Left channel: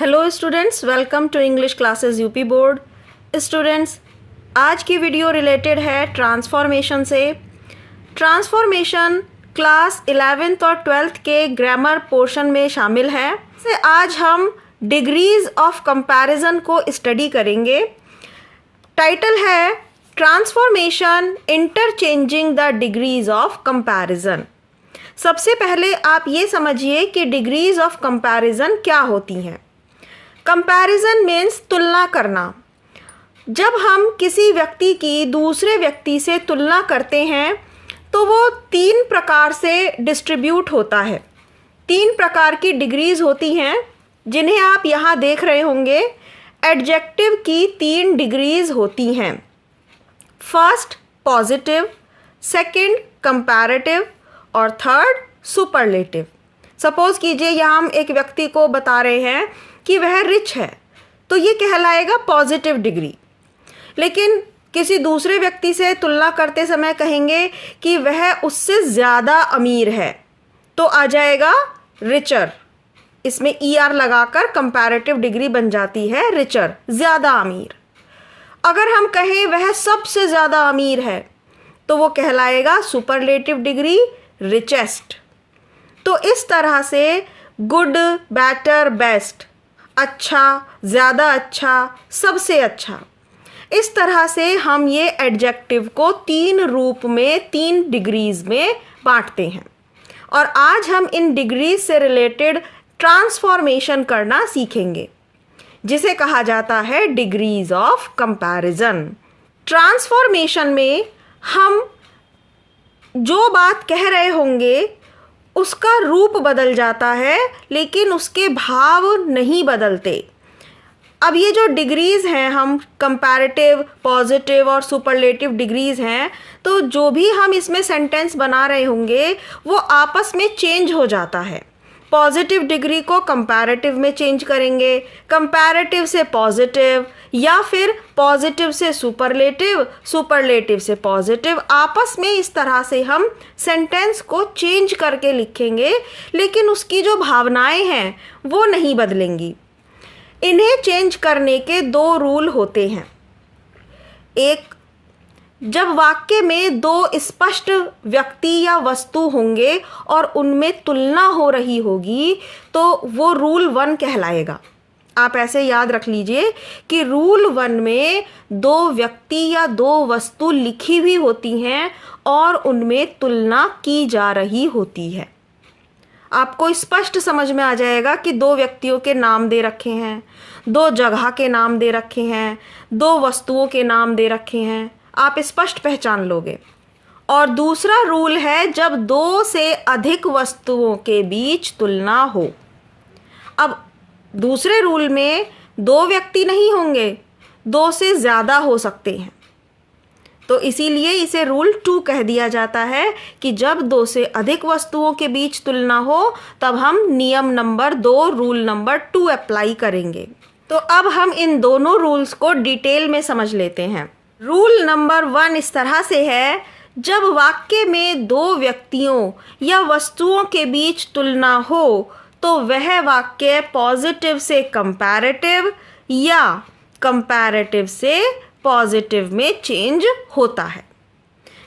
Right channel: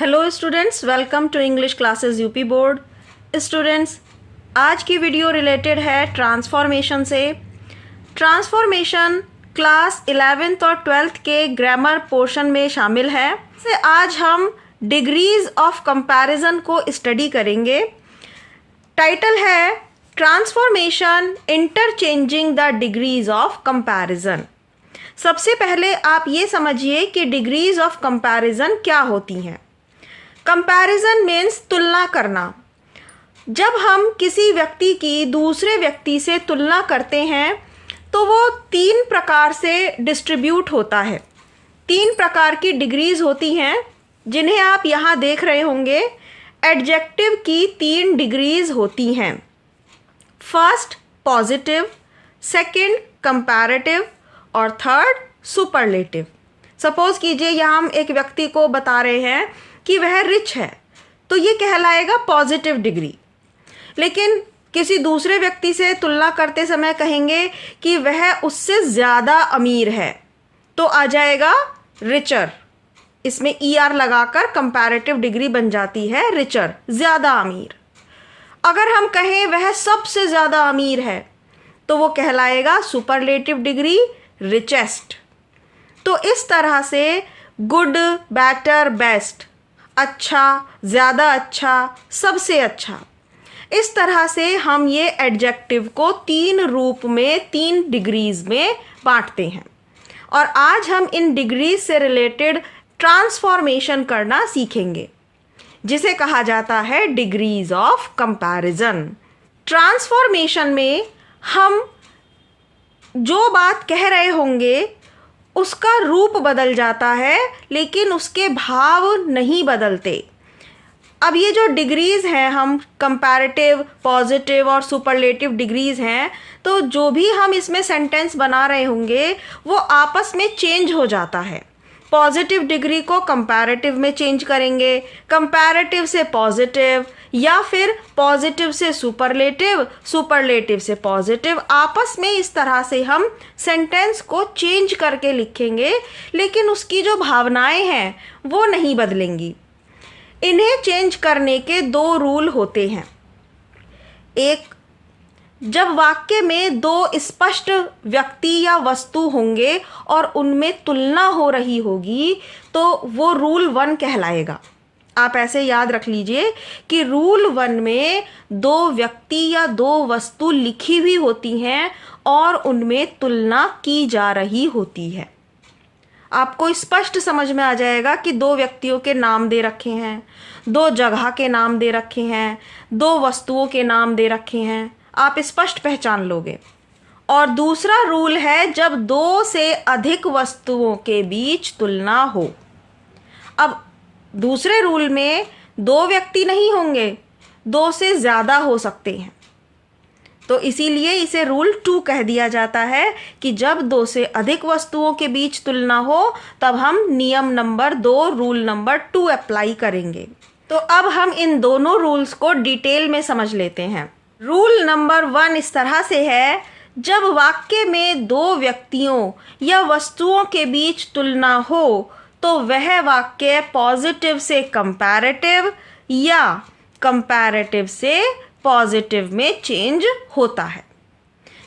Hello students, welcome to English classes UP board. Students, आज की video related है transformation से। ट्रांसफॉर्मेशन क्लास 11th और 12th के ग्रामर पोर्शन में शामिल है। से आज हम डिग्रीज ऑफ कंपैरिजन को स्टडी करेंगे। टाइटल है transformation interchanging the degrees of comparison. सबसे पहले आप ये समझिए कि डिग्रीज ऑफ कंपैरिजन क्या होती हैं। कंपैरिजन मीन्स तुलना करना। जब हम किसी व्यक्ति की दूसरे व्यक्ति से तुलना करते हैं तो वो 3 प्रकार से डिस्ट्रीब्यूट होता है। 3 प्रकार की डिग्रीज होती हैं जिन्हें आप यहाँ देख रहे होंगे। एडजेक्टिव की 3 डिग्रीज होती हैं। फर्स्ट पॉजिटिव, सेकंड कंपैरेटिव और थर्ड सुपरलेटिव। सपोज कीजिए यहाँ हम एक व्यक्ति को बता रहे हैं कि वह रिच है, तो ये कहलाएगा पॉजिटिव डिग्री। लेकिन किसी दूसरे व्यक्ति से तुलना करते समय कहेंगे कि वह उससे ज़्यादा अमीर है, तो आ जाएगा रिचर। इसमें ER लगाकर कंपैरेटिव डिग्री बन जाती है रिचर, ज़्यादा अमीर। अगर हम कहें वह सबसे ज़्यादा अमीर है तो वो कहलाएगा सुपरलेटिव डिग्री, रिचेस्ट। तो इस तरह से गुड, बेटर, बेस्ट, अच्छा, ज़्यादा अच्छा, सबसे अच्छा, इस तरह से हम ये एडजेक्टिव को 3 रूप में 3 डिग्रीज में बांटते हैं। और आज हम इन डिग्रीज से रिलेटेड ट्रांसफॉर्मेशन करना सीखेंगे, जिसे कहा जाता है डिग्रीज ऑफ कंपैरिजन। ट्रांसफॉर्मेशन में हम जो बात कह रहे होंगे उसका रूप बदल जाता है, लेकिन उसके भाव नहीं बदलते। अब ये जो डिग्रीज हैं, हम कंपैरेटिव, पॉजिटिव और सुपरलेटिव डिग्रीज हैं, तो जो भी हम इसमें सेंटेंस बना रहे होंगे वो आपस में चेंज हो जाता है। पॉजिटिव डिग्री को कंपैरेटिव में चेंज करेंगे, कंपैरेटिव से पॉजिटिव, या फिर पॉजिटिव से सुपरलेटिव, सुपरलेटिव से पॉजिटिव। आपस में इस तरह से हम सेंटेंस को चेंज करके लिखेंगे, लेकिन उसकी जो भावनाएं हैं वो नहीं बदलेंगी। इन्हें चेंज करने के 2 रूल होते हैं। एक, जब वाक्य में 2 स्पष्ट व्यक्ति या वस्तु होंगे और उनमें तुलना हो रही होगी तो वो रूल 1 कहलाएगा। आप ऐसे याद रख लीजिए कि रूल 1 में 2 व्यक्ति या 2 वस्तु लिखी हुई होती हैं और उनमें तुलना की जा रही होती है। आपको स्पष्ट समझ में आ जाएगा कि 2 व्यक्तियों के नाम दे रखे हैं, 2 जगह के नाम दे रखे हैं, 2 वस्तुओं के नाम दे रखे हैं, आप स्पष्ट पहचान लोगे। और दूसरा रूल है जब 2 से अधिक वस्तुओं के बीच तुलना हो। अब दूसरे रूल में 2 व्यक्ति नहीं होंगे, 2 से ज़्यादा हो सकते हैं, तो इसीलिए इसे रूल 2 कह दिया जाता है कि जब 2 से अधिक वस्तुओं के बीच तुलना हो तब हम नियम नंबर 2, रूल नंबर 2 अप्लाई करेंगे। तो अब हम इन दोनों रूल्स को डिटेल में समझ लेते हैं। रूल नंबर 1 इस तरह से है, जब वाक्य में 2 व्यक्तियों या वस्तुओं के बीच तुलना हो तो वह वाक्य पॉजिटिव से कंपैरेटिव या कंपैरेटिव से पॉजिटिव में चेंज होता है।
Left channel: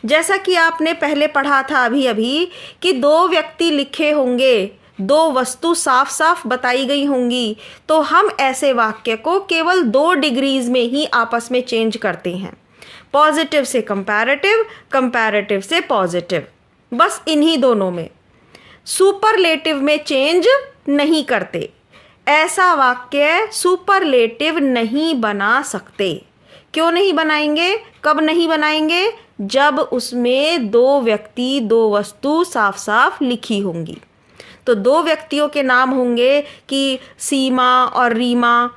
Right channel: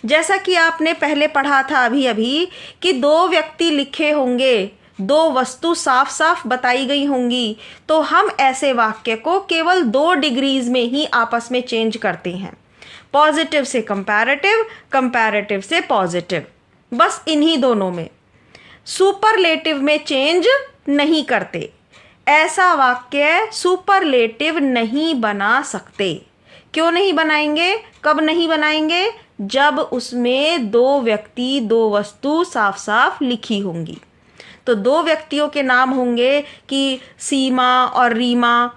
जैसा कि आपने पहले पढ़ा था अभी कि 2 व्यक्ति लिखे होंगे, 2 वस्तु साफ साफ बताई गई होंगी, तो हम ऐसे वाक्य को केवल 2 डिग्रीज में ही आपस में चेंज करते हैं। पॉजिटिव से कंपैरेटिव, कंपैरेटिव से पॉजिटिव, बस इन्हीं दोनों में। सुपरलेटिव में चेंज नहीं करते। ऐसा वाक्य सुपरलेटिव नहीं बना सकते। क्यों नहीं बनाएंगे, कब नहीं बनाएंगे? जब उसमें 2 व्यक्ति, 2 वस्तु साफ साफ लिखी होंगी। तो 2 व्यक्तियों के नाम होंगे कि सीमा और रीमा।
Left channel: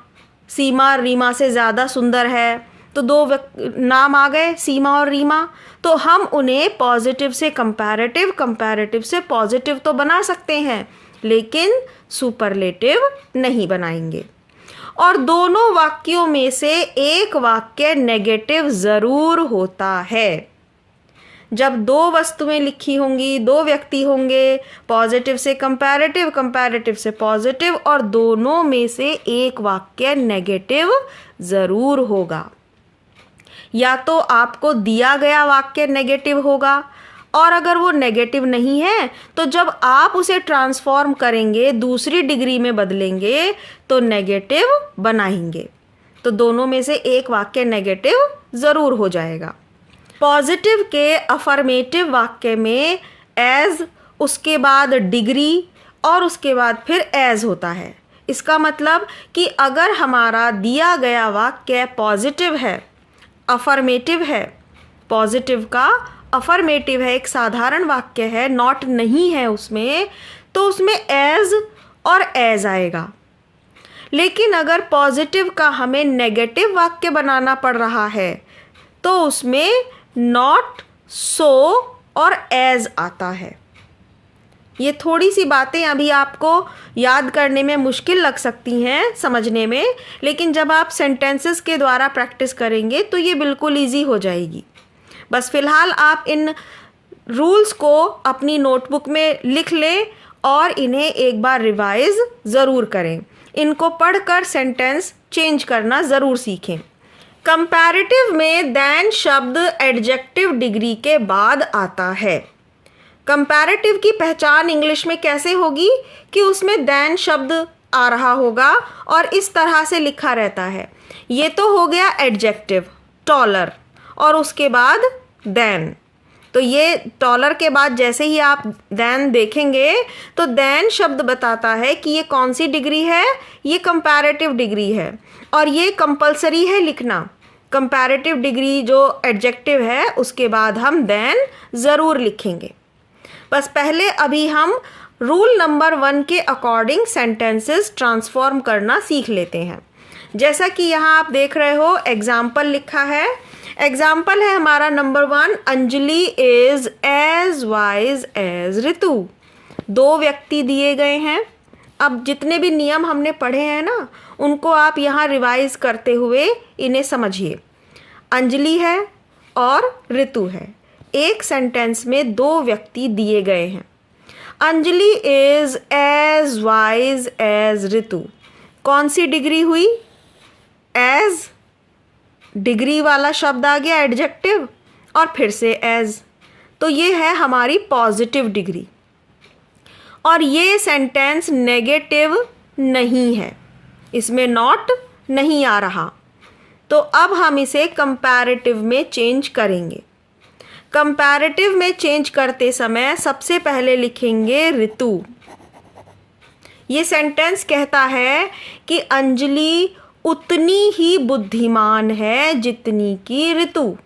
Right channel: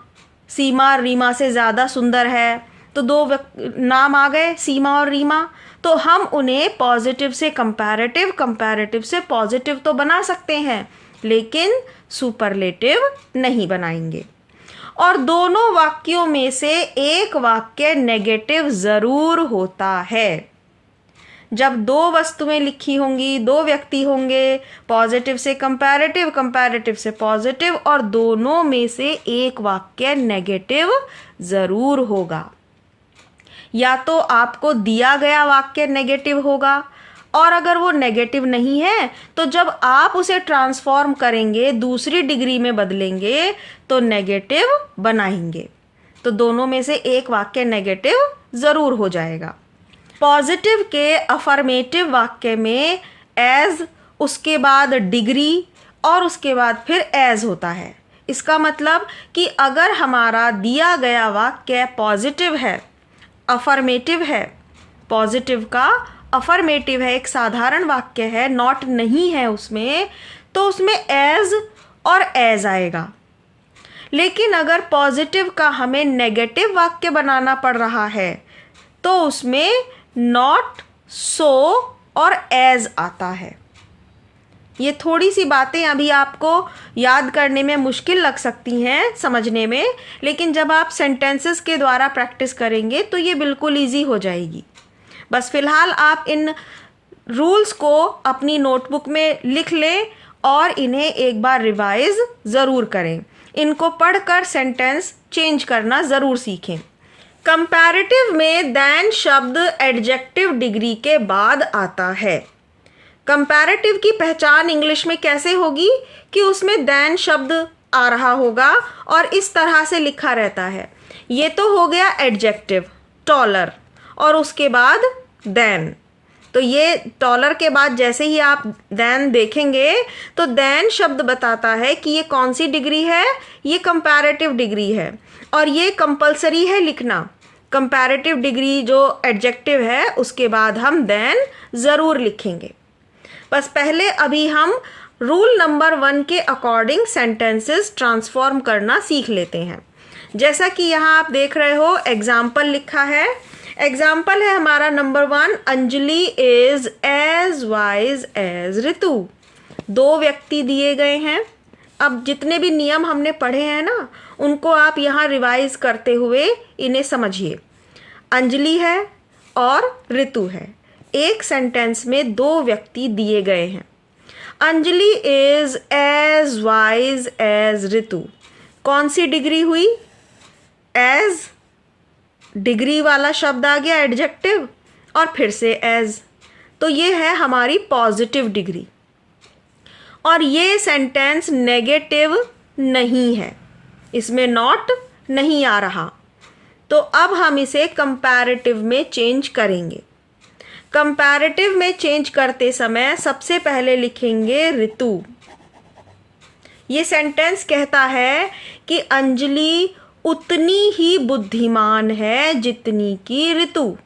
सीमा रीमा से ज़्यादा सुंदर है, तो 2 नाम आ गए, सीमा और रीमा। तो हम उन्हें पॉजिटिव से कंपैरेटिव, कंपैरेटिव से पॉजिटिव तो बना सकते हैं, लेकिन सुपरलेटिव नहीं बनाएंगे। और दोनों वाक्यों में से एक वाक्य नेगेटिव ज़रूर होता है। जब दो वस्तुएं लिखी होंगी, दो व्यक्ति होंगे, पॉजिटिव से कंपैरेटिव, कंपैरेटिव से पॉजिटिव, और दोनों में से एक वाक्य नेगेटिव ज़रूर होगा। या तो आपको दिया गया वाक्य नेगेटिव होगा, और अगर वो नेगेटिव नहीं है तो जब आप उसे ट्रांसफॉर्म करेंगे, दूसरी डिग्री में बदलेंगे, तो नेगेटिव बनाएंगे। तो दोनों में से एक वाक्य नेगेटिव ज़रूर हो जाएगा। पॉजिटिव के अफर्मेटिव वाक्य में एज, उसके बाद डिग्री, और उसके बाद फिर एज होता है। इसका मतलब कि अगर हमारा दिया गया वाक्य पॉजिटिव है, अफर्मेटिव है, पॉजिटिव का अफर्मेटिव है, एक साधारण वाक्य है, नॉट नहीं है उसमें, तो उसमें एज और एज आएगा। लेकिन अगर पॉजिटिव का हमें नेगेटिव वाक्य बनाना पड़ रहा है तो उसमें नॉट, सो और एज आता है। ये थोड़ी सी बातें अभी आपको याद करने में मुश्किल लग सकती हैं, समझने में, लेकिन जब आप सेंटेंसेस के द्वारा प्रैक्टिस करेंगे तो ये बिल्कुल इजी हो जाएगी। बस फिलहाल आप इन रूल्स को अपनी नोटबुक में लिख लें और इन्हें एक बार रिवाइज ज़रूर करें। इनको पढ़कर सेंटेंस चेंज करना ज़रूर सीखें। कंपैरेटिव में देन शब्द एडजेक्टिव डिग्री के बाद आता है। कंपैरेटिव की पहचान इंग्लिश में कैसे होगी कि उसमें देन शब्द आ रहा होगा और इस तरह से लिखा रहता है। ये तो हो गया एडजेक्टिव, टॉलर, और उसके बाद देन। तो ये टॉलर के बाद जैसे ही आप देन देखेंगे तो देन शब्द बताता है कि ये कौन सी डिग्री है, ये कंपैरेटिव डिग्री है, और ये कंपलसरी है लिखना। कंपैरेटिव डिग्री जो एडजेक्टिव है उसके बाद हम देन ज़रूर लिखेंगे। बस पहले अभी हम रूल नंबर 1 के अकॉर्डिंग सेंटेंसेस ट्रांसफॉर्म करना सीख लेते हैं। जैसा कि यहाँ आप देख रहे हो एग्जाम्पल लिखा है। एग्जाम्पल है हमारा number 1, Anjali is as wise as Ritu. दो व्यक्ति दिए गए हैं। अब जितने भी नियम हमने पढ़े हैं ना, उनको आप यहाँ रिवाइज करते हुए इन्हें समझिए। अंजलि है और ऋतु है। एक सेंटेंस में दो व्यक्ति दिए गए हैं। Anjali is as wise as Ritu. कौन सी डिग्री हुई? एज, डिग्री वाला शब्द आ गया एडजेक्टिव, और फिर से एज। तो ये है हमारी पॉजिटिव डिग्री, और ये सेंटेंस नेगेटिव नहीं है, इसमें नॉट नहीं आ रहा। तो अब हम इसे कंपैरेटिव में चेंज करेंगे। कंपैरेटिव में चेंज करते समय सबसे पहले लिखेंगे ऋतु। ये सेंटेंस कहता है कि अंजलि उतनी ही बुद्धिमान है जितनी की ऋतु।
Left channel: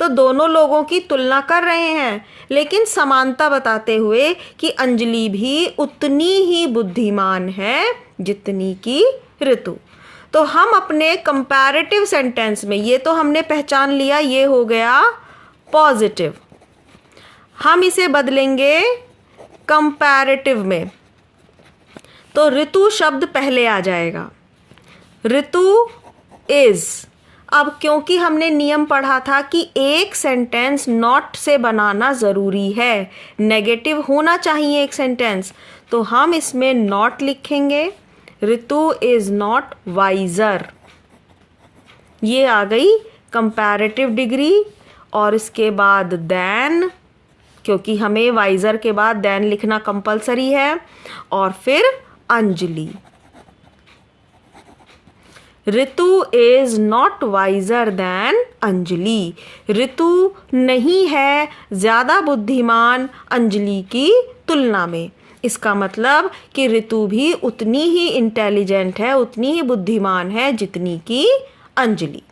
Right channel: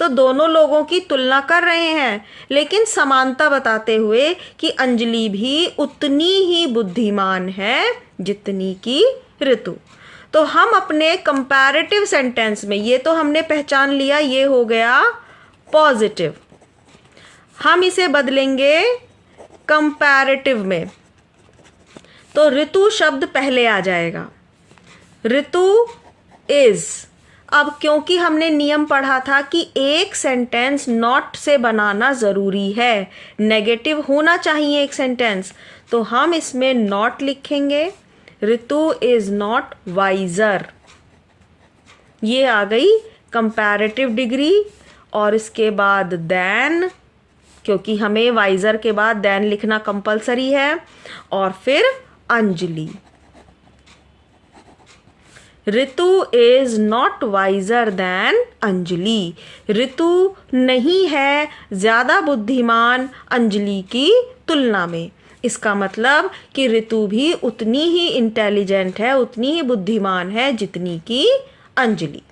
तो दोनों लोगों की तुलना कर रहे हैं, लेकिन समानता बताते हुए कि अंजलि भी उतनी ही बुद्धिमान है जितनी की ऋतु। तो हम अपने कंपैरेटिव सेंटेंस में, ये तो हमने पहचान लिया, ये हो गया पॉजिटिव। हम इसे बदलेंगे कंपैरेटिव में, तो ऋतु शब्द पहले आ जाएगा। ऋतु इज। अब क्योंकि हमने नियम पढ़ा था कि एक सेंटेंस नॉट से बनाना ज़रूरी है, नेगेटिव होना चाहिए एक सेंटेंस, तो हम इसमें नॉट लिखेंगे। ऋतु इज नॉट वाइजर। ये आ गई कंपैरेटिव डिग्री, और इसके बाद देन, क्योंकि हमें वाइजर के बाद देन लिखना कंपलसरी है, और फिर Anjali. Ritu is not wiser than Anjali. Ritu नहीं है ज़्यादा बुद्धिमान अंजलि की तुलना में। इसका मतलब कि ऋतु भी उतनी ही इंटेलिजेंट है, उतनी ही बुद्धिमान है जितनी की अंजलि।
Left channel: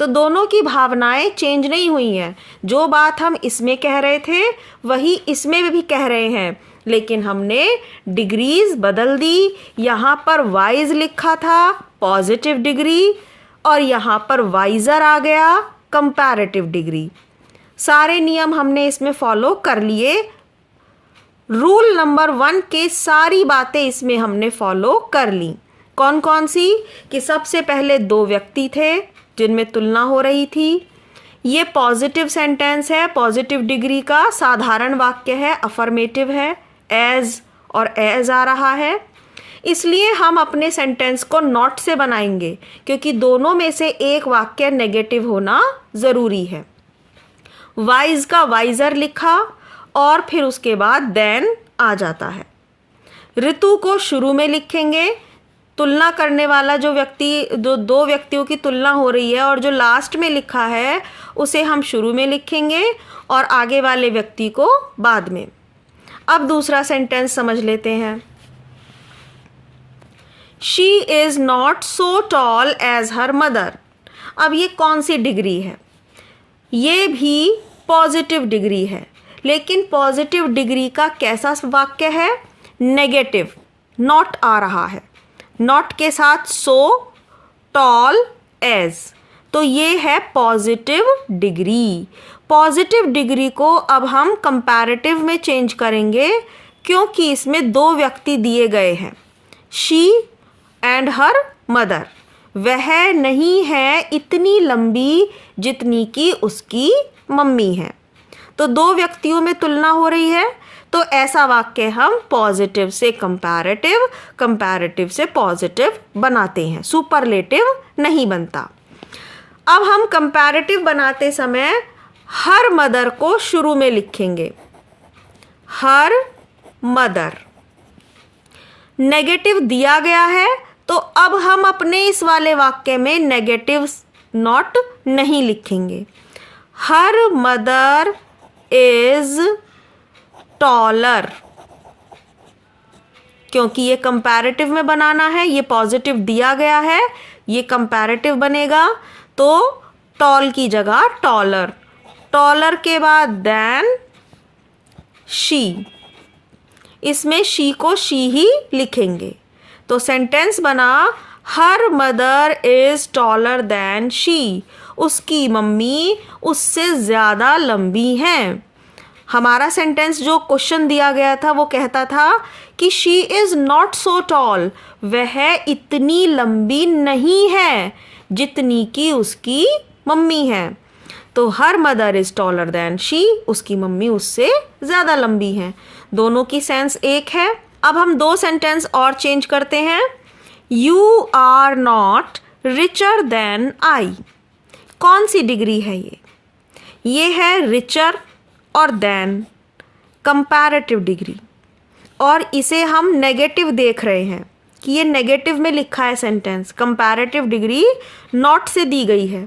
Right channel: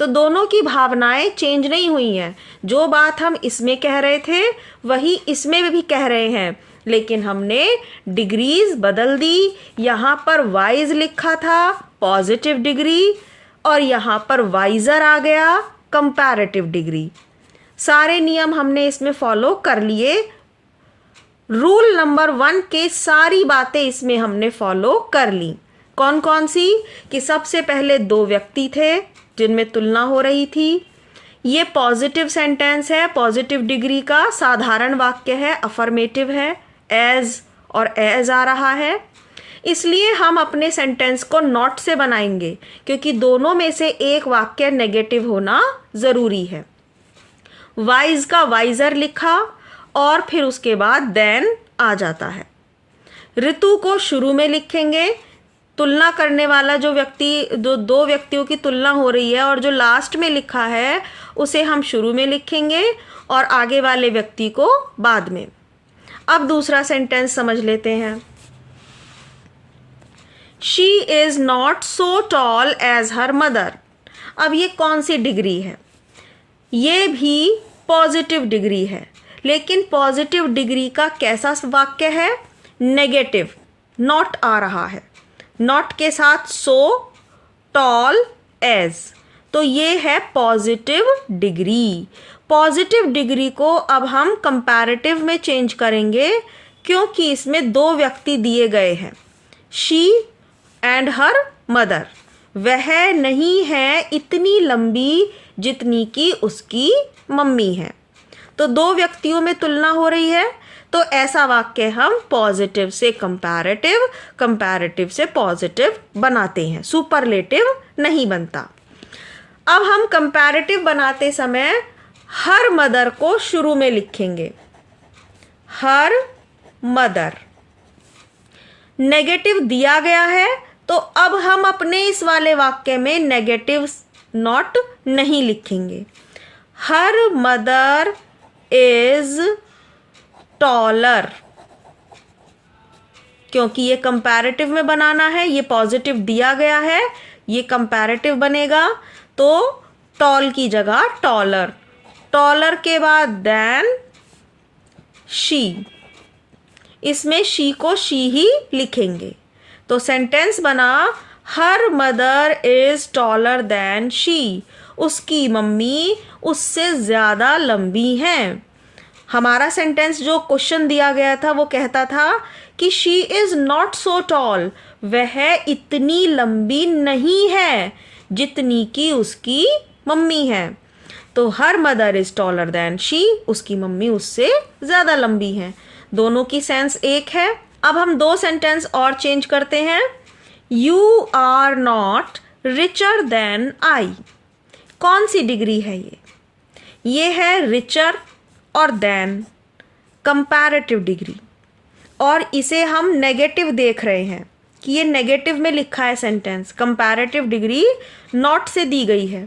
तो दोनों की भावनाएं चेंज नहीं हुई हैं। जो बात हम इसमें कह रहे थे वही इसमें भी कह रहे हैं, लेकिन हमने डिग्रीज बदल दी। यहाँ पर वाइज लिखा था पॉजिटिव डिग्री, और यहाँ पर वाइजर आ गया कंपैरेटिव डिग्री। सारे नियम हमने इसमें फॉलो कर लिए। रूल नंबर 1 के सारी बातें इसमें हमने फॉलो कर ली। कौन कौन सी? कि सबसे पहले दो व्यक्ति थे जिनमें तुलना हो रही थी। ये पॉजिटिव सेंटेंस है, पॉजिटिव डिग्री का साधारण वाक्य है, अफर्मेटिव है, एज और एज आ रहा है। इसलिए हम अपने सेंटेंस को नॉट से बनाएंगे क्योंकि दोनों में से एक वाक्य नेगेटिव होना ज़रूरी है। वाइज का वाइजर लिखा और फिर उसके बाद देन आ जाता है। ऋतु को शुरू में लिखेंगे, तुलना करने वाला जो दो व्यक्तियों की तुलना हो रही है और जो लास्ट में लिखा है उसे हम शुरू में लिखेंगे और आगे वाले व्यक्ति को बाद में। अब दूसरा सेंटेंस समझ लेते हैं। She is not so tall as her mother. अब ये कौन सी डिग्री है? ये भी पॉजिटिव डिग्री है, लेकिन पॉजिटिव डिग्री का कैसा वाक्य है? नेगेटिव, नॉट आ रहा है, नॉट के साथ सो, टॉल, एज, तो ये है पॉजिटिव डिग्री। पॉजिटिव डिग्री को अब हम कंपैरेटिव में चेंज करेंगे क्योंकि इसमें दो व्यक्ति दिए गए हैं, शी एंड हर मदर। वह नहीं है इतनी लंबी जितनी कि उसकी मम्मी है। तो दो व्यक्तियों में तुलना हो रही है, तो ऐसा वाक्य हम पॉजिटिव से कंपैरेटिव, कंपैरेटिव से पॉजिटिव बनाते हैं, सुपरलेटिव नहीं बनता। अब हम कंपैरेटिव बनाते समय हर मदर को शुरू में लिखेंगे, हर मदर। नेगेटिव दिया गया है तो अब हम अपने इस वाले वाक्य में नेगेटिव नॉट नहीं लिखेंगे। हर मदर इज टॉलर, क्योंकि ये कंपैरेटिव में बनाना है, ये पॉजिटिव दिया गया है, ये कंपैरेटिव बनेगा, तो टॉल की जगह टॉलर, टॉलर के बाद देन शी, इसमें शी को शी ही लिखेंगे। तो सेंटेंस बना her mother is taller than she, उसकी मम्मी उससे ज़्यादा लंबी हैं। हमारा सेंटेंस जो क्वेश्चन दिया गया था वो कहता था कि she is not so toll, वह इतनी लंबी नहीं है जितनी कि उसकी मम्मी है। तो her mother is taller than she, उसकी मम्मी उससे ज़्यादा लंबी है। दोनों की सेंस एक है। अब हम दो सेंटेंस और चेंज करते हैं। You are not richer than I. कौन सी डिग्री है ये? ये है रिचर और देन, कंपैरेटिव डिग्री, और इसे हम नेगेटिव देख रहे हैं कि ये नेगेटिव में लिखा है सेंटेंस, कंपैरेटिव डिग्री नॉट से दी गई है।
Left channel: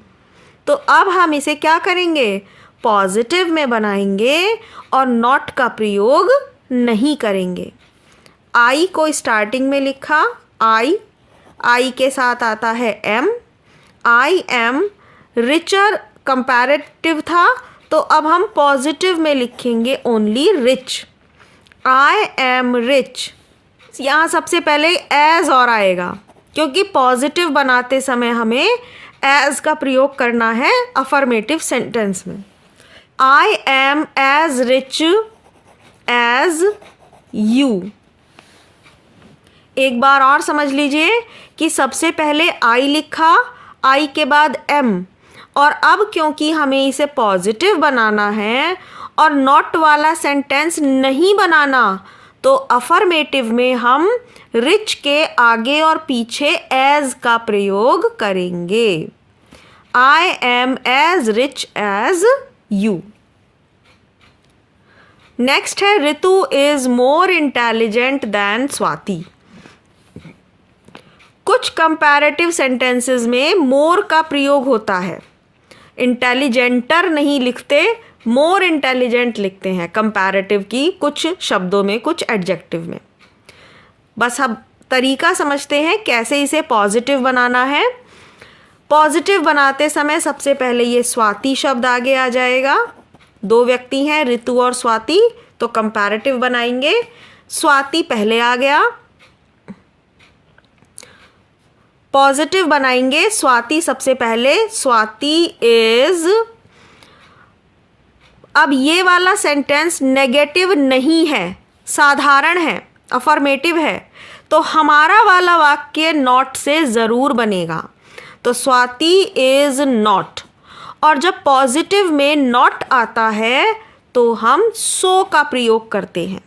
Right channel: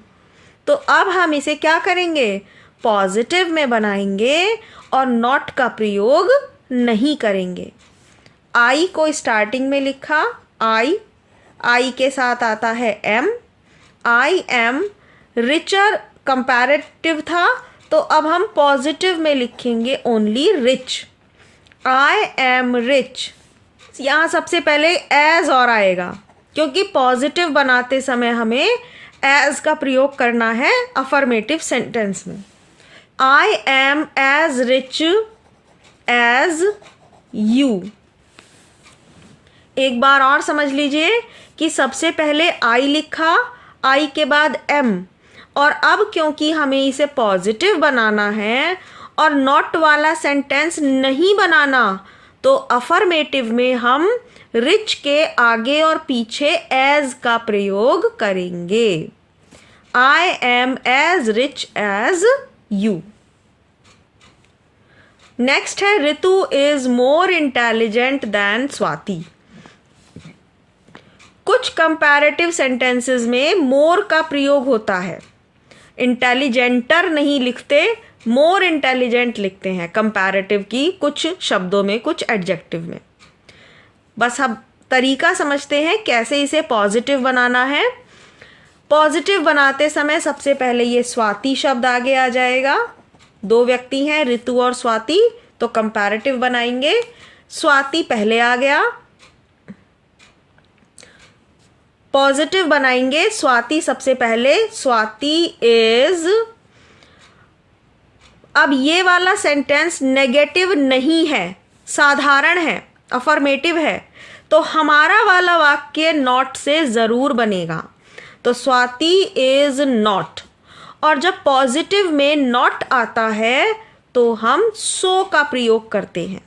तो अब हम इसे क्या करेंगे? पॉजिटिव में बनाएंगे और नॉट का प्रयोग नहीं करेंगे। आई को स्टार्टिंग में लिखा, आई के साथ आता है am, I am richer, comparative था, तो अब हम पॉजिटिव में लिखेंगे only rich, I am rich. यहाँ सबसे पहले एज और आएगा क्योंकि पॉजिटिव बनाते समय हमें एज का प्रयोग करना है अफर्मेटिव सेंटेंस में। I am as rich as you. एक बार और समझ लीजिए कि सबसे पहले आई लिखा, आई के बाद एम, और अब क्योंकि हमें इसे पॉजिटिव बनाना है और नॉट वाला सेंटेंस नहीं बनाना, तो अफर्मेटिव में हम रिच के आगे और पीछे एज का प्रयोग करेंगे। I am as rich as you. Next है Ritu is more intelligent than Swati. कुछ कंपैरेटिव सेंटेंसेस में मोर का प्रयोग होता है, इंटेलिजेंटर नहीं लिखते, मोर इंटेलिजेंट लिखते हैं कंपैरेटिव की कुछ शब्दों में, कुछ एडजेक्टिव में। बस अब तरीका समझते हैं कैसे इसे पॉजिटिव बनाना है। पॉजिटिव बनाते समय सबसे पहले ये स्वाति शब्द आगे आ जाएगा। दो व्यक्ति हैं ऋतु और स्वाति, तो कंपैरेटिव बनाएंगे, स्वाति पहले आ गया। पॉजिटिव बनाएंगे, स्वाति सबसे पहले, स्वाति इज। अब ये वाला सेंटेंस नेगेटिव नहीं है, साधारण है, अफर्मेटिव है, तो हमारा वाला वाक्य नॉट से ज़रूर बनेगा। तो स्वाति इज नॉट, और जब पॉजिटिव में नॉट आता है तो हम सो का प्रयोग करते हैं।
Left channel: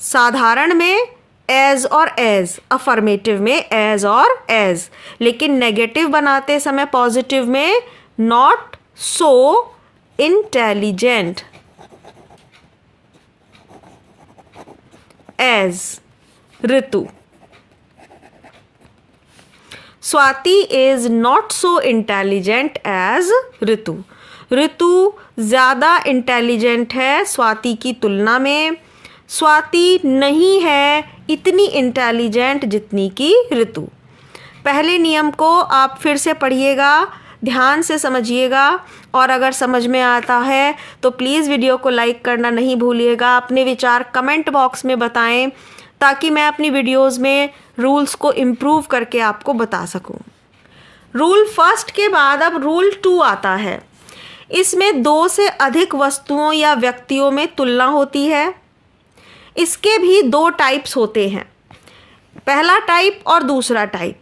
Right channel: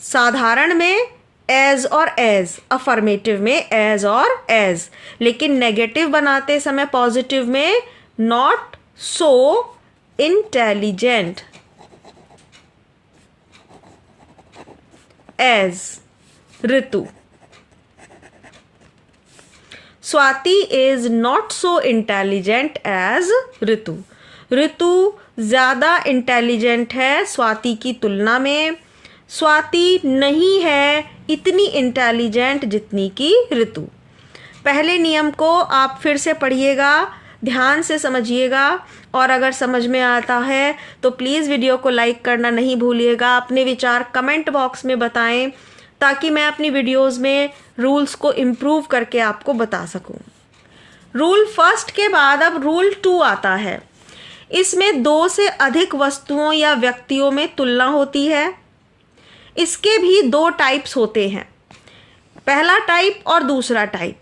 साधारण में एज और एज, अफर्मेटिव में एज और एज, लेकिन नेगेटिव बनाते समय पॉजिटिव में not so intelligent as Ritu. Swati is not so intelligent as Ritu. Ritu ज्यादा इंटेलिजेंट है स्वाति की तुलना में। स्वाति नहीं है इतनी इंटेलिजेंट जितनी कि ऋतु। पहले नियम को आप फिर से पढ़िएगा, ध्यान से समझिएगा, और अगर समझ में आता है तो प्लीज़ वीडियो को लाइक करना नहीं भूलिएगा। अपने विचार कमेंट बॉक्स में बताएं ताकि मैं अपनी वीडियोस में रूल्स को इम्प्रूव करके आपको बता सकूं। रूल फर्स्ट के बाद अब रूल 2 आता है। इसमें 2 से अधिक वस्तुओं या व्यक्तियों में तुलना होती है। इसके भी 2 टाइप्स होते हैं, पहला टाइप और दूसरा टाइप।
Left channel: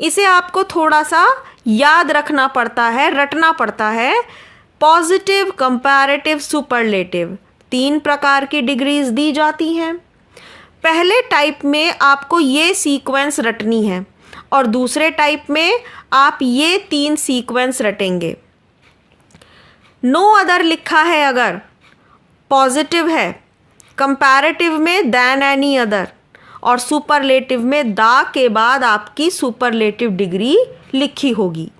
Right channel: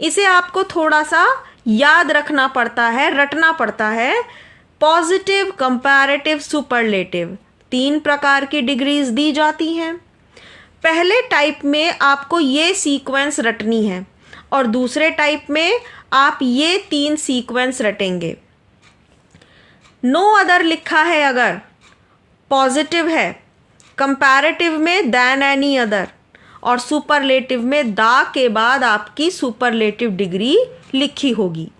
इसे आपको थोड़ा सा याद रखना पड़ता है, रटना पड़ता है। पॉजिटिव, कंपैरेटिव, सुपरलेटिव 3 प्रकार की डिग्रीज दी जाती हैं। पहले टाइप में आपको ये सीक्वेंस रटनी है और दूसरे टाइप में आप ये 3 सीक्वेंस रटेंगे। नो अदर लिखा है अगर पॉजिटिव है, कंपैरेटिव में देन एनी अदर, और सुपरलेटिव में दा के बाद आपकी सुपरलेटिव डिग्री लिखी होगी।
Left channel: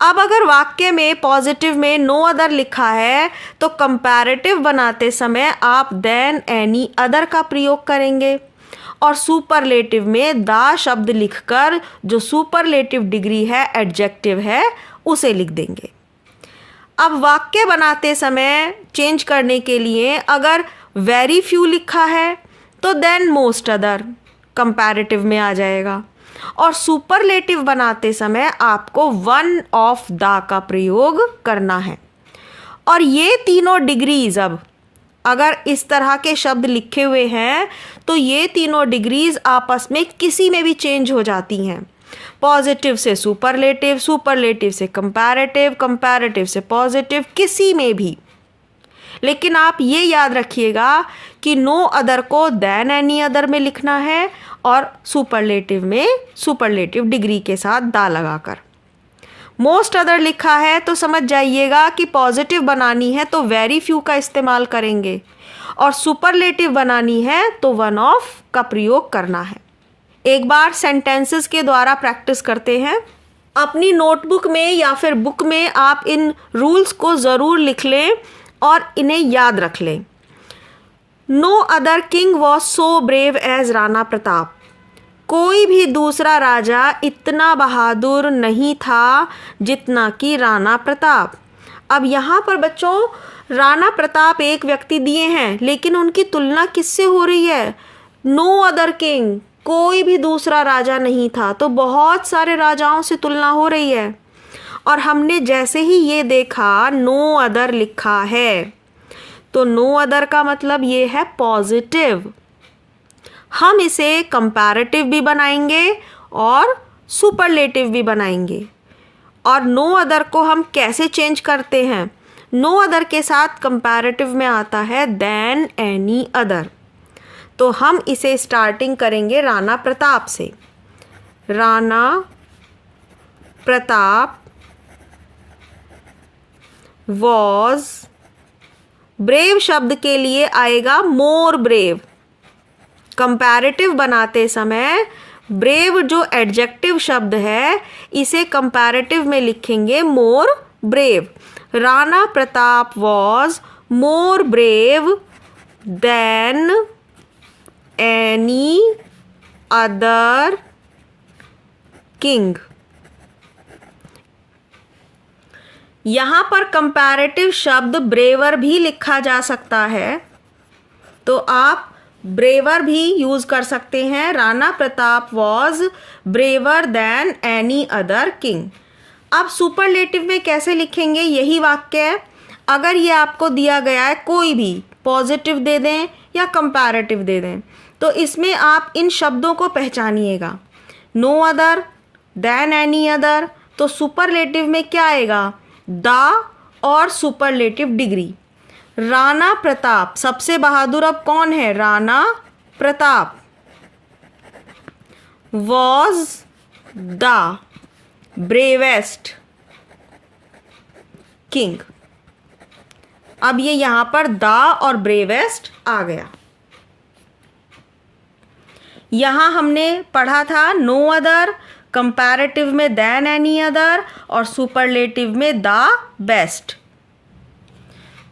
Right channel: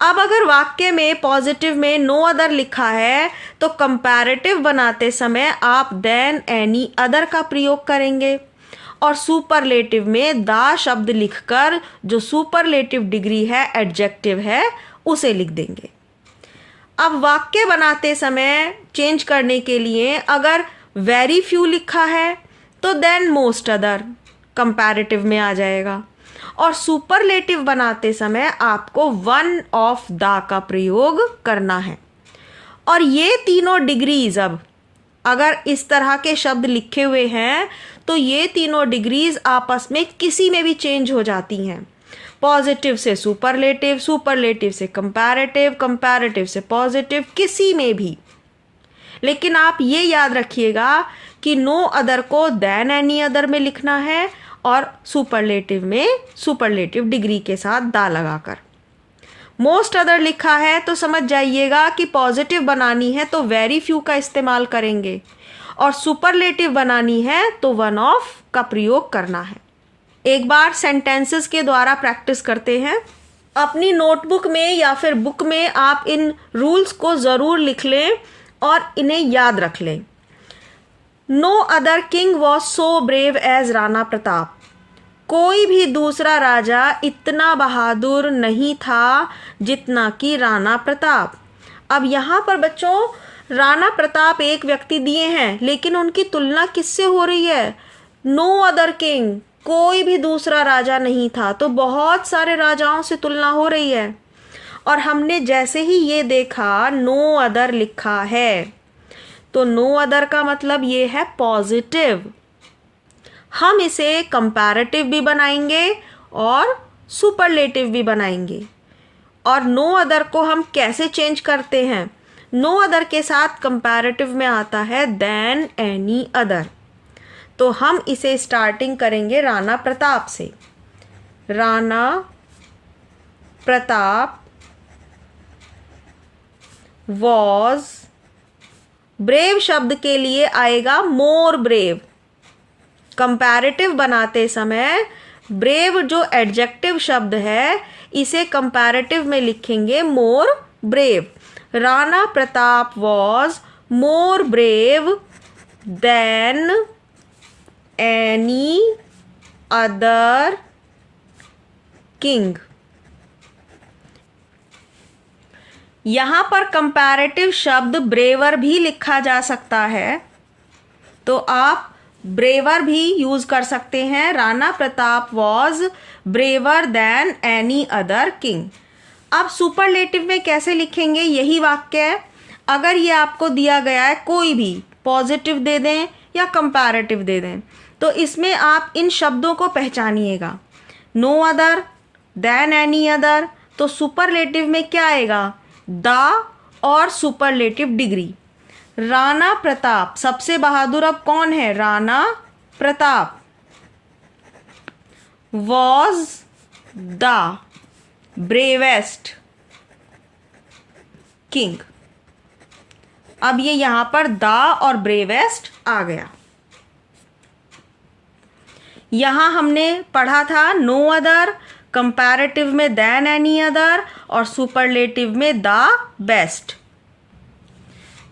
अब अगर वाक्य में पॉजिटिव में नो अदर लिखा है तो कंपैरेटिव बनाते समय आप देन एनी अदर का प्रयोग करेंगे, और सुपरलेटिव में दा शब्द लिखकर जो सुपरलेटिव डिग्री है, एडजेक्टिव है, उसे लिख देंगे। अब वाक्य बनाते समय चेंज करने के लिए अगर वेरी फ्यू लिखा है तो देन मोस्ट अदर कंपैरेटिव में आ जाएगा, और सुपरलेटिव बनाते समय आपको वन ऑफ द का प्रयोग करना है। और ये तीनों डिग्रीज, अब अगर इस तरह के शब्द लिखे हुए हैं तो ये तीनों डिग्रीज आपस में किसी में भी चेंज हो जाती हैं। पॉजिटिव से सुपरलेटिव, सुपरलेटिव से कंपैरेटिव, कंपैरेटिव से पॉजिटिव, किसी में भी। लेकिन आप ये याद रखिएगा कि नो अदर को देन एनी अदर में लिखना है और सुपरलेटिव में सुपरलेटिव डिग्री के साथ दा लगाकर। मोस्ट अदर लिखा है तो समझ जाइएगा कि पॉजिटिव बनानी है तो वेरी फ्यू का इस्तेमाल करेंगे, और सुपरलेटिव बनानी है तो वन ऑफ का प्रयोग करना है। एक बार सेंटेंसेस के द्वारा प्रैक्टिस करते हैं। अपनी नोटबुक में या फिर बुक में आप इन रूल्स को ज़रूर लिख लें और इन्हें याद रख लें। No other king was so brave as Rana Pratap. कोई भी दूसरा राजा इतना बहादुर नहीं था जितना कि राणा प्रताप। अब यहाँ पर बच्चों राणा प्रताप एक व्यक्ति दिए हैं, लेकिन उनकी तुलना किससे हो रही है? नो अदर किंग, कोई भी दूसरा राजा नहीं था, तो बहुत सारे राजाओं से तुलना हो रही है। और हमने जैसे ही ये देखा नो अदर लिखा है तो नो अदर का मतलब ये है पॉजिटिव। हम इसे कंपैरेटिव भी बनाएंगे और सुपरलेटिव भी बनाएंगे। और नो अदर को हम कैसे चेंज करते हैं? नो अदर के साथ कंपैरेटिव में आता है देन एनी अदर। तो हम इसे स्टार्टिंग करेंगे राणा प्रताप से। राणा प्रताप वॉज, ब्रेव शब्द के लिए आएगा मोर ब्रेव। कंपैरेटिव बनाते समय ब्रेव जो एडजेक्टिव शब्द है इसे कंपैरेटिव में लिखेंगे more brave. Rana Pratap was more brave than any other king. यहाँ पर कंपैरेटिव शब्द ब्रेवर भी लिखा जा सकता है, तो आप ब्रेवर भी यूज कर सकते हैं। Rana Pratap was braver than any other king. अब सुपरलेटिव में कैसे लिखेंगे? यही वाक्य है। अगर ये आपको दिया गया है, कोई भी पॉजिटिव दे दें या कंपैरेटिव दे दें, तो इसमें आप इन शब्दों को पहचानिएगा। No other, than any other, तो सुपरलेटिव में क्या आएगा? द और सुपरलेटिव डिग्री। राणा प्रताप, सबसे बहादुर अब कौन है? Rana Pratap. Was the bravest king. अब ये यहां पर द और ब्रेवेस्ट आ गया। यहां हमने पढ़ा था नो अदर, कंपैरेटिव में देन एनी अदर और सुपरलेटिव में द बेस्ट।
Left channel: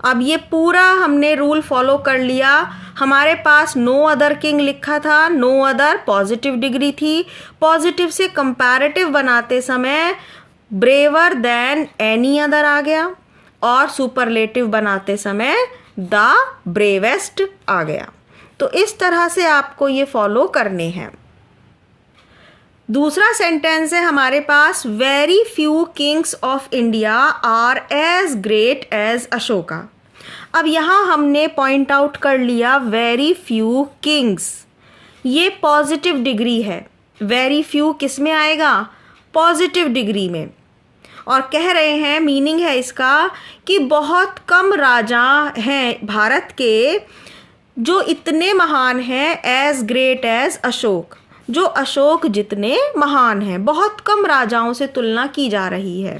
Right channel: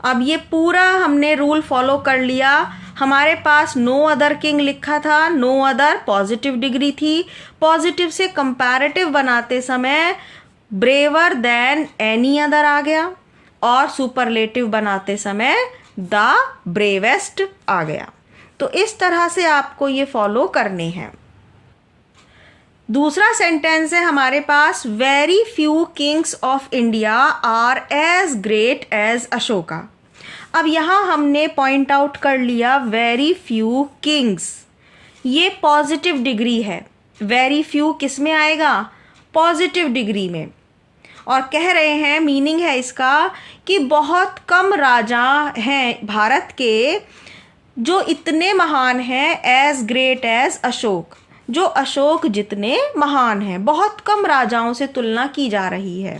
अब ये पूरा हमने रूल फॉलो कर लिया। हमारे पास नो अदर किंग लिखा था, नो अदर पॉजिटिव डिग्री थी। पॉजिटिव से कंपैरेटिव बनाते समय ब्रेवर देन एनी अदर आ गया और सुपरलेटिव बनाते समय द ब्रेवेस्ट आ गया। तो इस तरह से आपको ये फॉलो करने हैं। दूसरा सेंटेंस है हमारे पास, very few kings of India are as great as Ashoka. अब यहां हमने पॉइंट आउट कर लिया वेरी फ्यू किंग्स, ये पॉजिटिव डिग्री है। वेरी फ्यू किस में आएगा? पॉजिटिव डिग्री में। और कह रहे हैं, मीनिंग है इसका कि बहुत कम राजा हैं भारत के जो इतने महान हैं एज ग्रेट एज अशोक, जो अशोक जितने महान हैं। बहुत कम राजाओं से तुलना की जा रही है।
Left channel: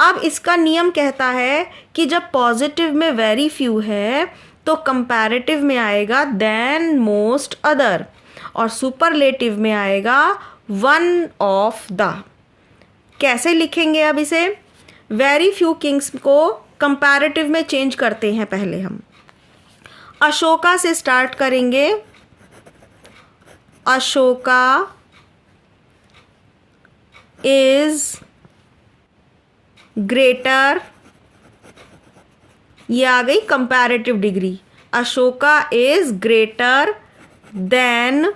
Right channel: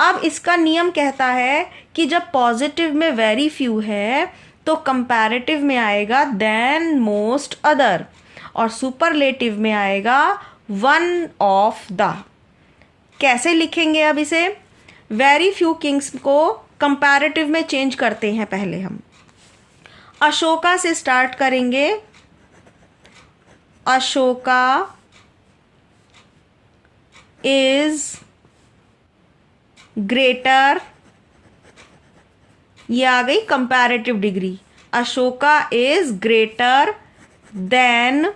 अब इसका नियम कहता है कि जब पॉजिटिव में वेरी फ्यू है तो कंपैरेटिव में आएगा देन मोस्ट अदर और सुपरलेटिव में आएगा वन ऑफ द। कैसे लिखेंगे अब इसे? वेरी फ्यू किंग्स को कंपैरेटिव में चेंज करते हैं। पहले हम अशोका से स्टार्ट करेंगे। अशोका इज ग्रेटर, ये आ गई comparative degree. Ashoka is greater than,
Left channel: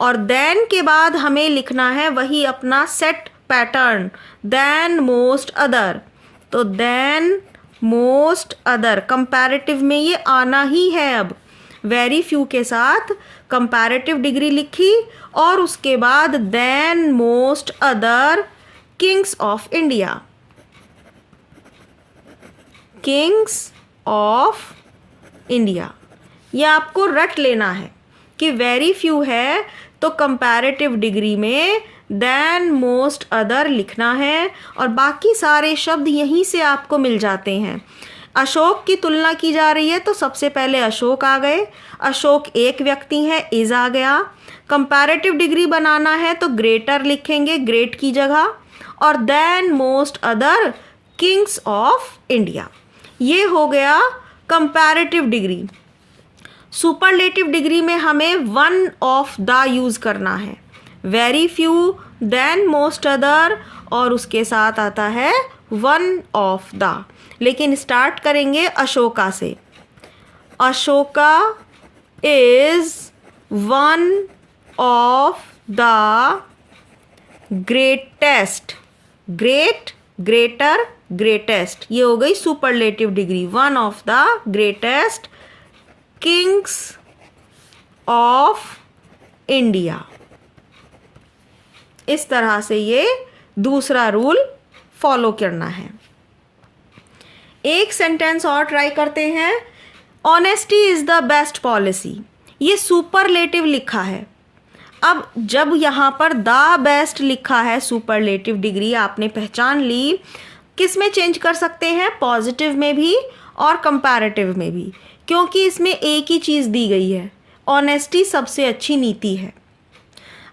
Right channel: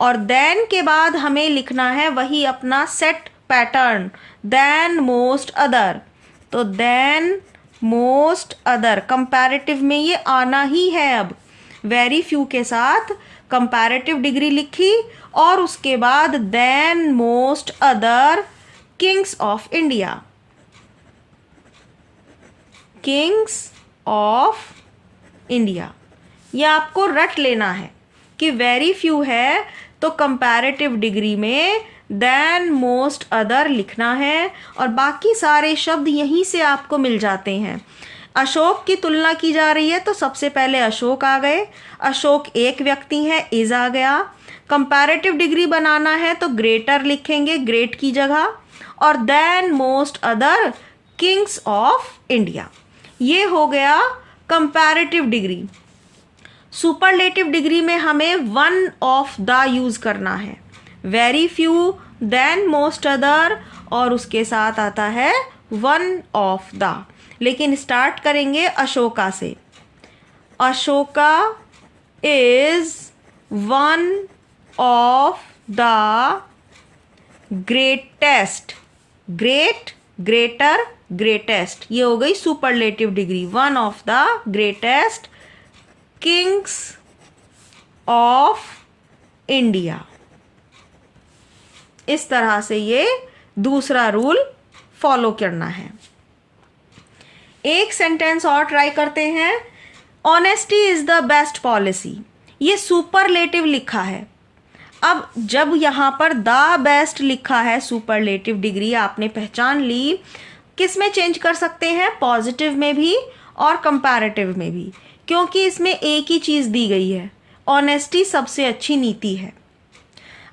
और देन के बाद हमें लिखना है वही अपना set pattern, than most other. तो देन मोस्ट अदर कंपैरेटिव में ये आना ही है। अब वेरी फ्यू के साथ कंपैरेटिव डिग्री लिखी और उसके बाद than most other kings of India. Kings of India, ये आपको रट लेना है कि वेरी फ्यू है तो कंपैरेटिव डिग्री में देन मोस्ट अदर लिखना है और बाकी सारे शब्द यहीं से आपको मिल जाते हैं। अशोक की तुलना की जा रही है तो सबसे पहले अशोक आ गए। अशोक एक व्यक्ति है, इज आ गया। कंपैरेटिव डिग्री बनाना है तो ग्रेटर लिखेंगे ग्रेट की जगह और than most other kings of India. ये हो गया कंपैरेटिव डिग्री। सुपरलेटिव डिग्री में हमें वन ऑफ द यूज करना है। Very few than most other और उसके साथ आता है वन ऑफ द। लेकिन स्टार्ट करेंगे अशोका से। Ashoka is one of the greatest, great greater greatest, ये हो गई superlative degree. One of the greatest kings of India. इस तरह से ये दूसरा रूल फॉलो करना है। एक सेंटेंस और ट्राई करते हैं। Honesty is the best policy, ये सुपरलेटिव लिखा है। अब जब यहां पर द बेस्ट लिखा है, सुपरलेटिव डिग्री आपने पहचान ली। किस में चेंज कर सकते हैं? पॉजिटिव में भी और कंपैरेटिव में भी, क्योंकि इसमें एक ही चीज दी गई है, ऑनेस्टी सबसे अच्छी नीति है।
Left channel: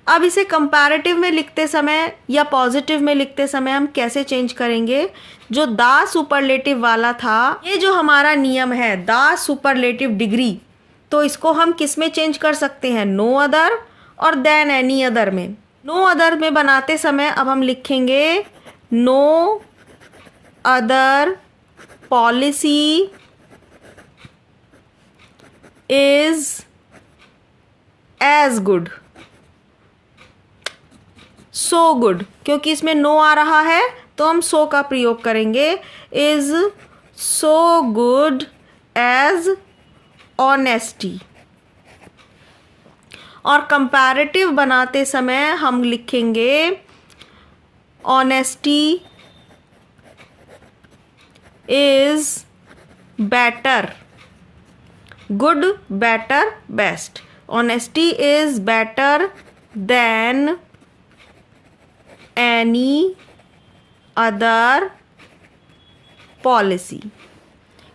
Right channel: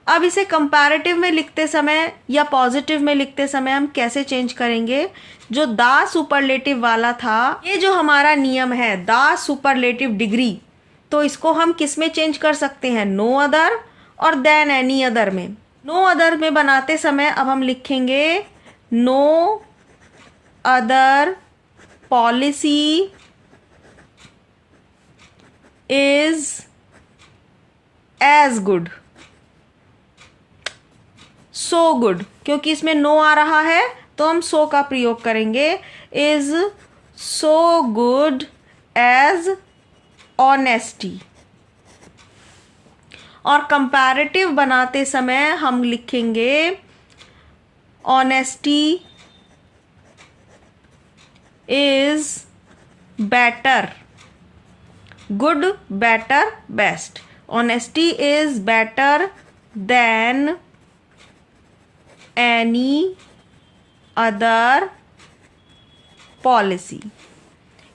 अब इसे कंपैरेटिव में लिखते समय या पॉजिटिव में लिखते समय हम कैसे चेंज करेंगे? जो द सुपरलेटिव वाला था, ये जो हमारा नियम है द सुपरलेटिव डिग्री, तो इसको हम किस में चेंज कर सकते हैं? नो अदर और देन एनी अदर में। नो अदर में बनाते समय अब हम लिखेंगे no other policy is as good, so good, क्योंकि इसमें नो आ रहा है तो हम सो का प्रयोग करेंगे। Is so good as honesty. और कंपैरेटिव बनाते समय हम लिखेंगे honesty is better, good better best, honesty is better than any other policy.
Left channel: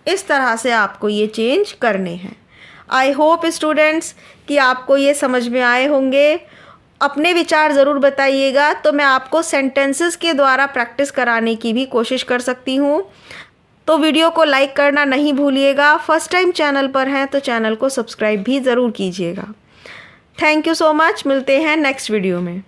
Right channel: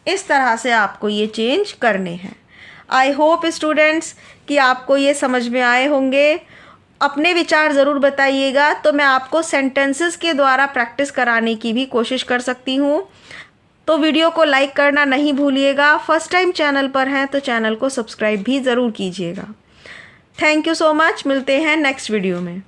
इस तरह से आपको ये चेंज करने हैं। आई होप स्टूडेंट्स कि आपको ये समझ में आए होंगे। अपने विचार ज़रूर बताइएगा, तो मैं आपको सेंटेंसेस के द्वारा प्रैक्टिस कराने की भी कोशिश कर सकती हूँ। तो वीडियो को लाइक करना नहीं भूलिएगा। फर्स्ट टाइम चैनल पर हैं तो चैनल को सब्सक्राइब भी ज़रूर कीजिएगा। Thank you so much. मिलते हैं नेक्स्ट वीडियो में।